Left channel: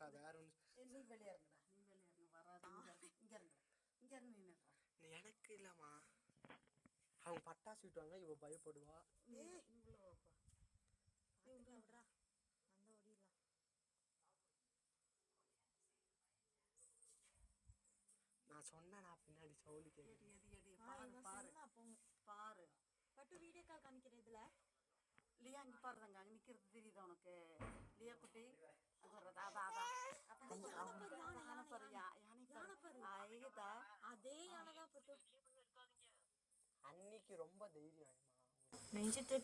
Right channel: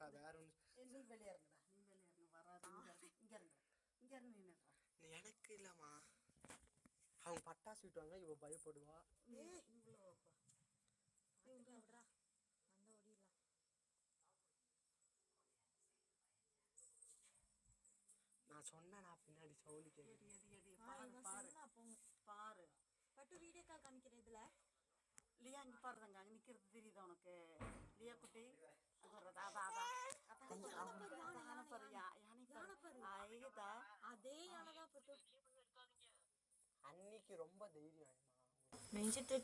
இல்லைக்கா வேற ஒன்று வெளியே இருக்கடா இங்கே இருந்து எனக்கு இல்லைம்மா. அவங்க பட்டாசு விட்டுவாங்க இவ பயப்படுவா. நான் சொன்னா பின்னாடி சவுண்டு பாரு பாரு. பட்டு வீடியோக்காக காமிக்கிறதுல இல்லையா? இங்க பாருங்க நிக்கிறது. ரொம்ப தைரியம் நெஞ்சிட்டு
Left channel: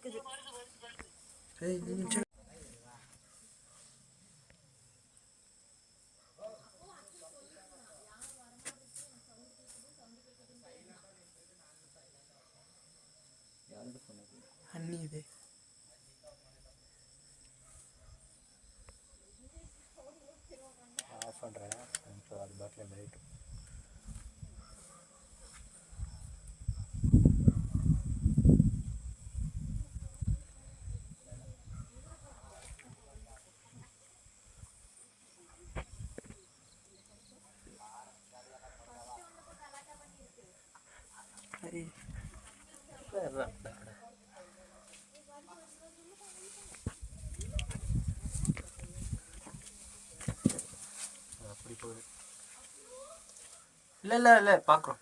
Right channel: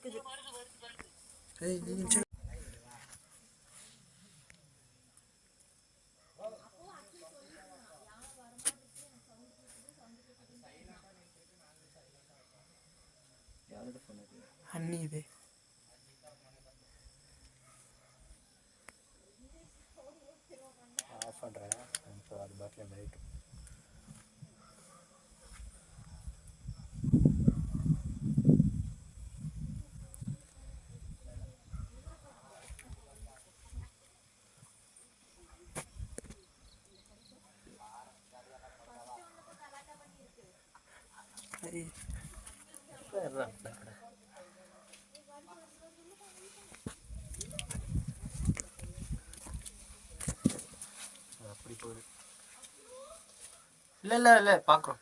இல்ல இல்ல இல்ல பாக்குறோம்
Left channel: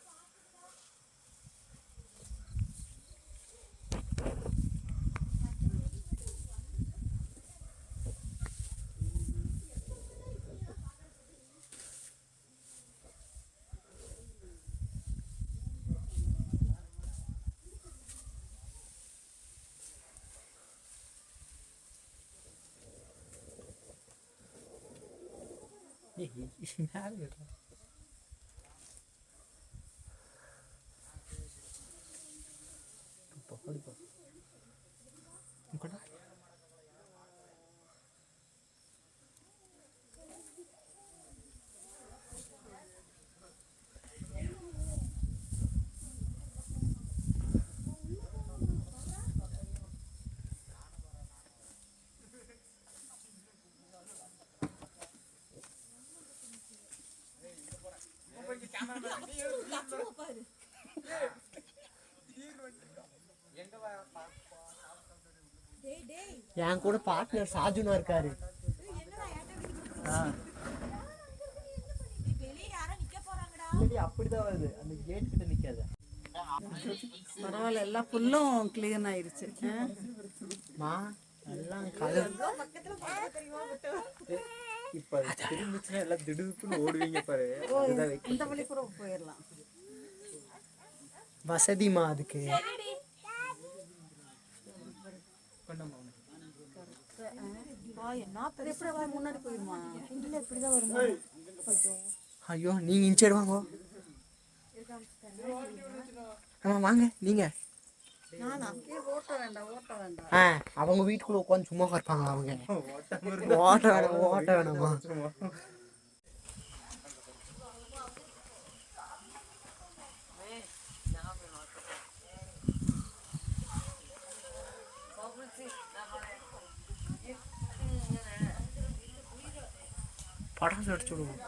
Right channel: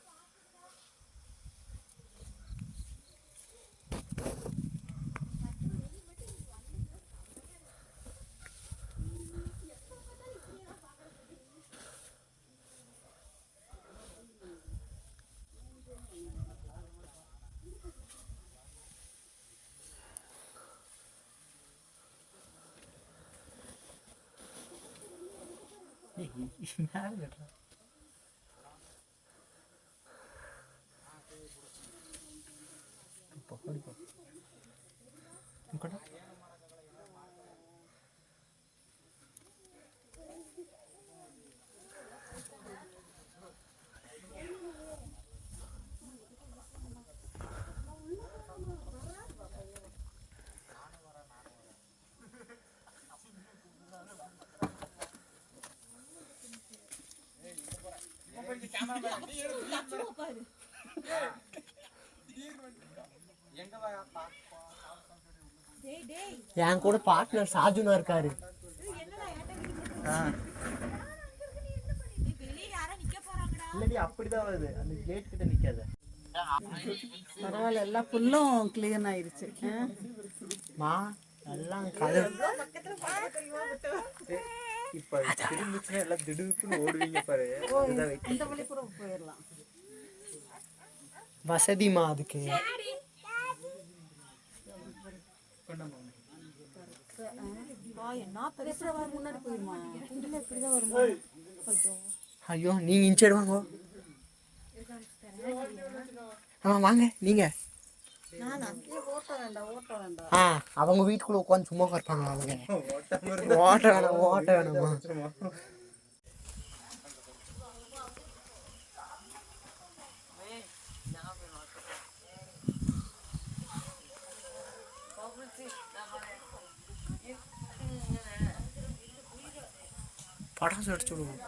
டேய் என் கூட பார்ட்னர் சாஜுனா இருக்காரு. என்னடா ஏன்டா ஆ. நீ வெளிய யாரோ நிக்க போறாங்கடா. இல்லடி அப்படிதான் வருது. அந்த கேட் கிட்ட நிக்காத. பரவாயில்ல எல்லா புல்லும் கிளீன் ஆயிருச்சு? மா எல்லாம் கதை இப்போ திரும்பிச்சுன்னா எல்லாம் திடுப்புன்னு ஓடுவீங்க பாரு. இந்த வழி கூட போயிடலாம் வசதிமா அதுக்கு. ஐயோ. நீங்க இன்ச்சைடு வாங்க. ஆமா வாங்க நீங்க. ஆ அவங்க வீட்டுக்குள்ள உட்காந்து சும்மா இருப்பாங்க அவங்க? ஓட்ட வேணாம் ஓட்ட வேணாமா? படாசு அடிச்சுடுவோம்